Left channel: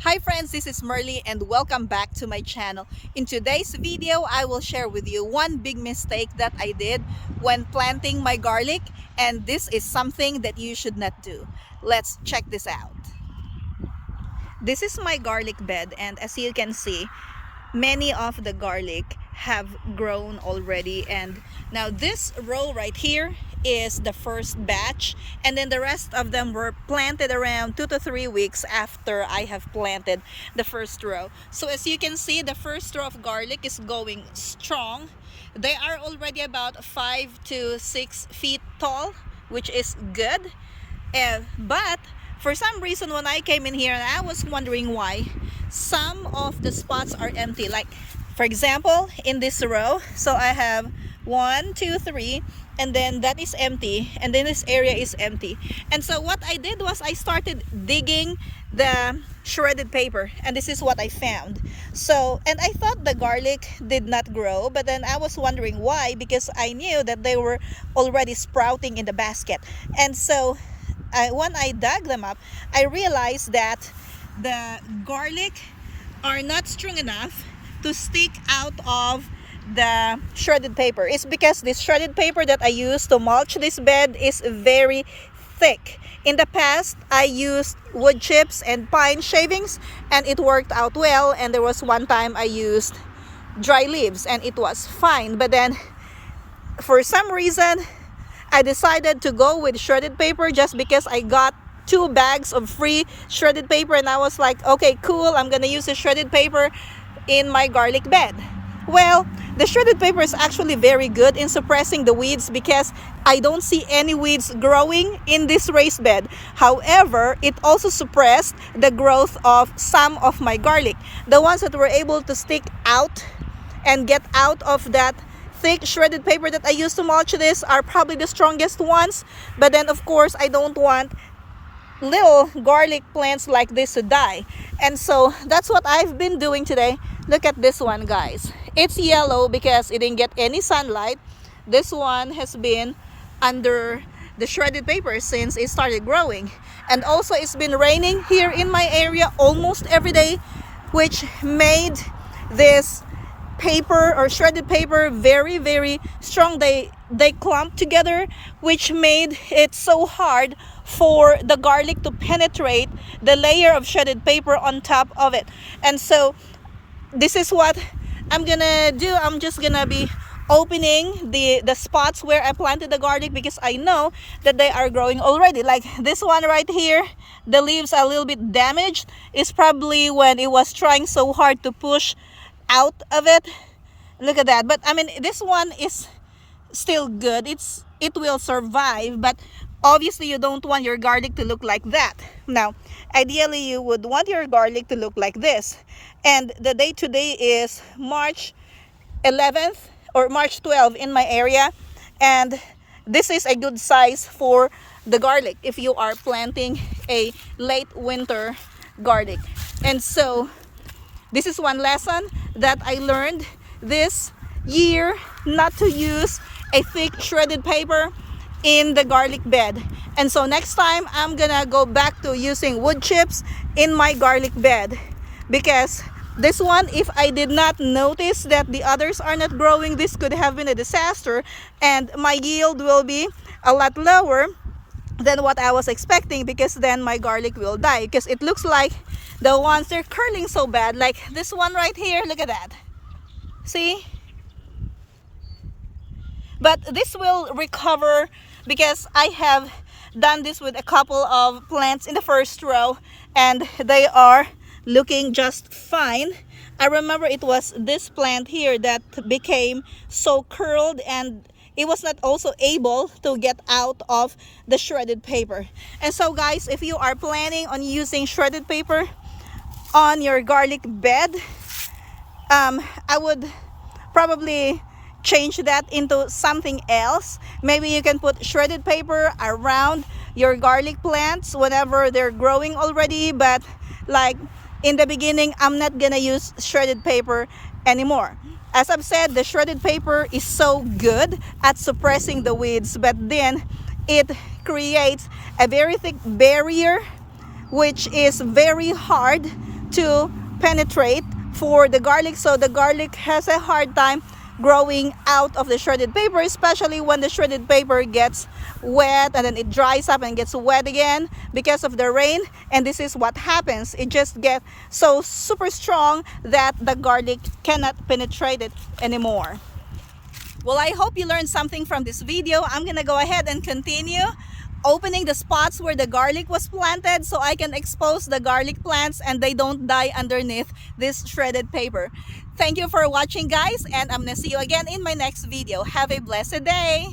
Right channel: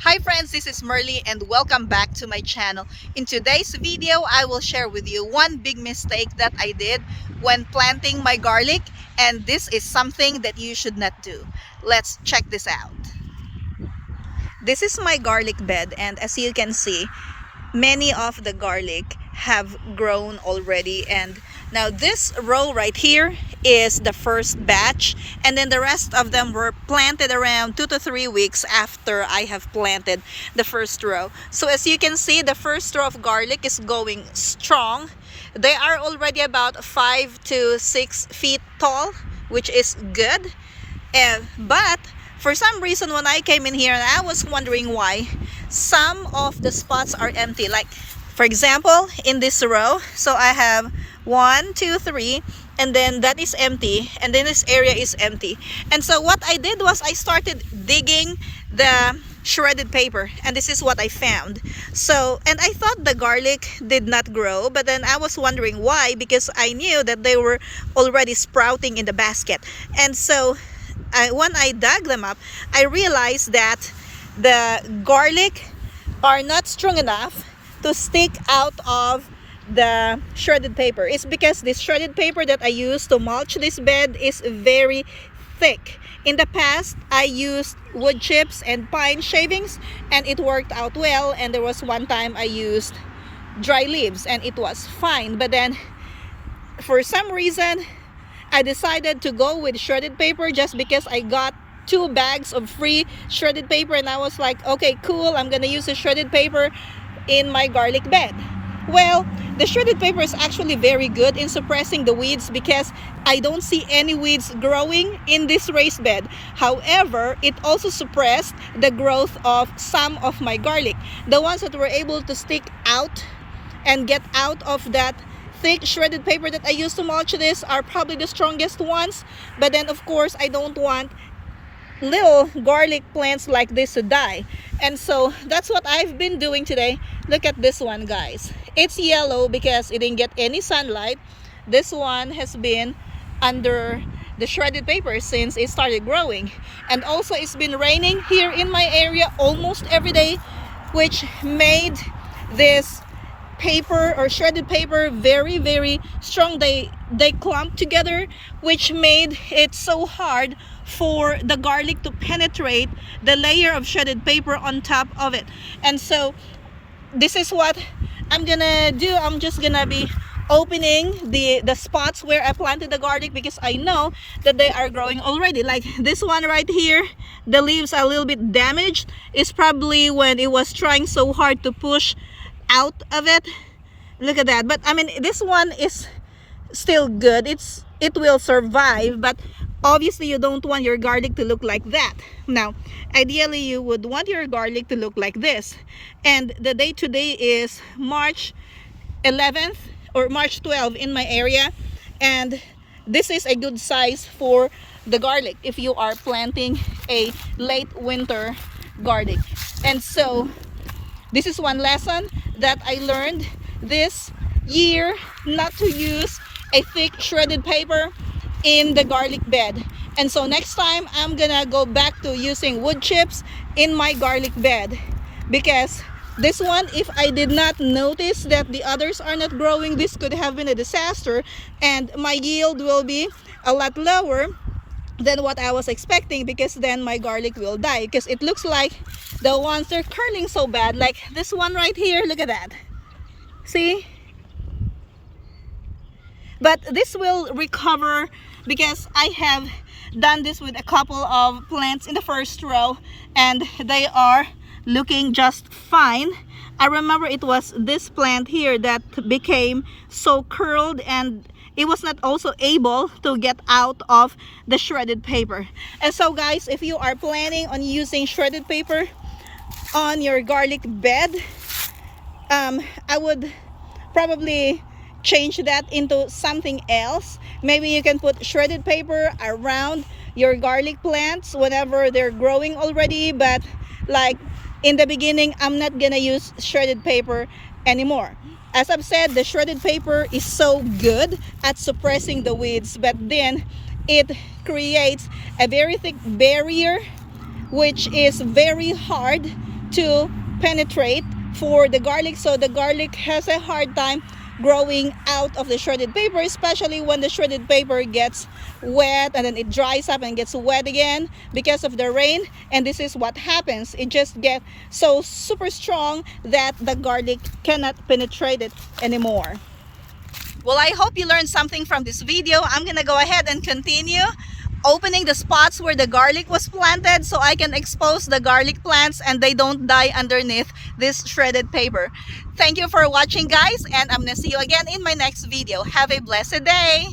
Hi friends, this is Merly and welcome back to my channel. In today's video, I will share with you one big mistake that I did when planting my garlic, and this is something that you should not do. Let's check this out. This is my garlic bed, and as you can see, many of the garlic have grown already, and now this row right here is the first batch, and then the rest of them were planted around 2 to 3 weeks after I have planted the first row. So as you can see, the first row of garlic is going strong. They are already about 5 to 6 feet tall, which is good. But for some reason, when I came in here, and I was wondering why some of the spots are empty. Like, for example, in this row, so I have 1, 2, 3, and then that is empty, and then this area is empty. And so what I did was I started digging the shredded paper, and this is what I found. So, and I thought the garlic did not grow, but then I was wondering why, because I knew that they were already sprouting in the basket. And so when I dug them up, I realized that the garlic are not strong enough to stick out of the shredded paper. It's because this shredded paper that I use to mulch this bed is very thick. In the past, I used wood chips and pine shavings, and it worked out well. And there was one time I used dry leaves, and it was fine. But then for some reason, I decided to go with shredded paper just because I got 2 bags of free shredded paper, and I was like, okay, cool, I'm gonna use the shredded paper in my garlic bed. Well, the shredded paper is actually very good in suppressing the weeds because I don't see any weeds growing in this raised bed. However, it also suppressed the growth of some of my garlic. The ones that were able to stick out and get out of that thick shredded paper that I used to mulch this are probably the strongest ones. But then of course I don't want little garlic plants like this to die, and so that's what I've been doing today. Look at this one, guys. It's yellow because it didn't get any sunlight. This one has been under the shredded paper since it started growing, and also it's been raining here in my area almost every day, which made this paper or shredded paper very strong. They clump together, which made it so hard for the garlic to penetrate the layer of shredded paper on top of it. And so this is what I'm gonna do. I'm just gonna be opening the spots where I planted the garlic because I know that they are growing already. Like this one right here, the leaves are a little bit damaged. It's probably when it was trying so hard to push out of it. Look at that. But I mean, this one is still good. It will survive, but obviously you don't want your garlic to look like that. Now, ideally you would want your garlic to look like this. And the date today is March 11th or March 12th in my area, and this is a good size for the garlic if you are planting a late winter garlic. And so this is one lesson that I learned this year, not to use a thick shredded paper in the garlic bed. And so next time I'm gonna go back to using wood chips in my garlic bed, because this one, if I did not notice that the others are not growing, this could have been a disaster, and my yield will be a lot lower than what I was expecting, because then my garlic will die. Because it looks like the ones they're curling so bad, like this one right here. Look at that. See? But this will recover because I have done this with a couple of plants in the first row, and they are looking just fine. I remember it was this plant here that became so curled, and it was not also able to get out of the shredded paper. And so guys, if you are planning on using shredded paper on your garlic bed, I would probably change that into something else. Maybe you can put shredded paper around your garlic plants whenever they're growing already, but like in the beginning, I'm not gonna use shredded paper anymore. As I've said, the shredded paper is so good at suppressing the weeds, but then it creates a very thick barrier, which is very hard to penetrate for the garlic, so the garlic has a hard time growing out of the shredded paper, especially when the shredded paper gets wet and then it dries up and gets wet again because of the rain. And this is what happens, it just gets so super strong that the garlic cannot penetrate it anymore. Well, I hope you learned something from this video. I'm gonna go ahead and continue opening the spots where the garlic was planted so I can expose the garlic plants and they don't die underneath this shredded paper. Thank you for watching, guys, and I'm gonna see you again in my next video. Have a blessed day.